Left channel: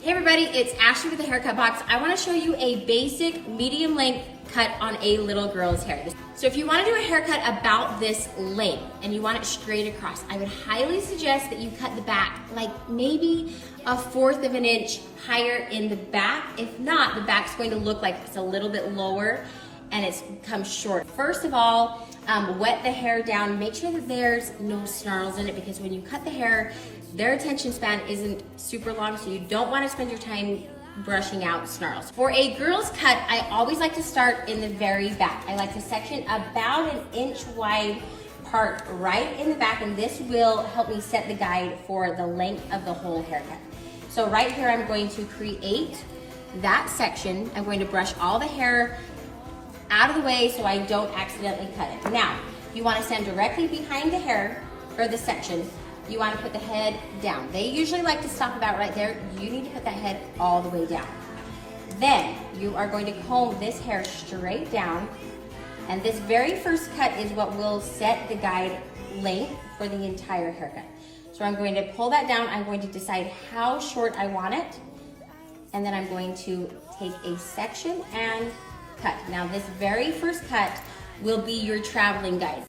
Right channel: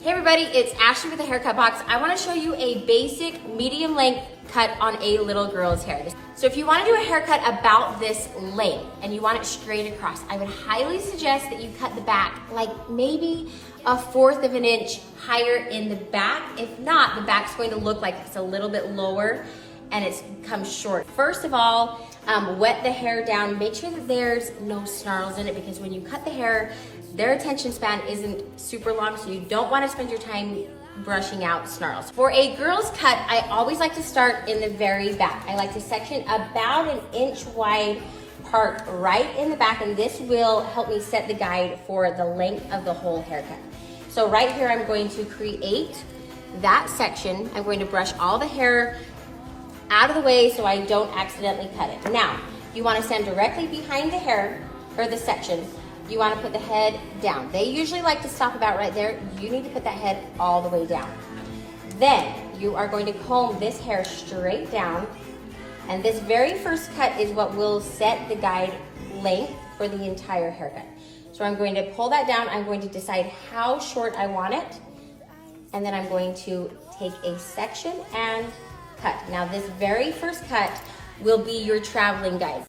Hey everybody, it's Ashley with the Haircut Box. I want to show you a basic medium length cut on a little girl's hair. So if you want to do a haircut about this length and you want it straight across, I would highly suggest that you cut the back like maybe 1/4 of an inch higher in the back. If not, the back's going to look like it's a little bit lower and it's comes short. First of all, wet the hair down. Make sure that there's no snarls in it, because when you cut the hair, their attention span isn't super long, so you don't want to spend your time brushing out snarls. For a girl's cut, I always like to start in the very back. I like to section about an inch wide part right in the back, and this will help me set the guide for the length of the whole haircut. So right here, I'm going to create that section. I'm going to brush all the hair out of the way so I don't accidentally cut it. Now, you want to stand directly behind the hair or the section. You want to put the head down. They usually like to stop about right there. You need to put the head all the way down. Then you are going to comb this hair straight down, and this very first cut is what will set the guide length for the entire haircut. So I'm going to pull that down. I'm going to decide how short I want it, and then I'm going to take a section and cut. Now this very first cut will be your traveling guide.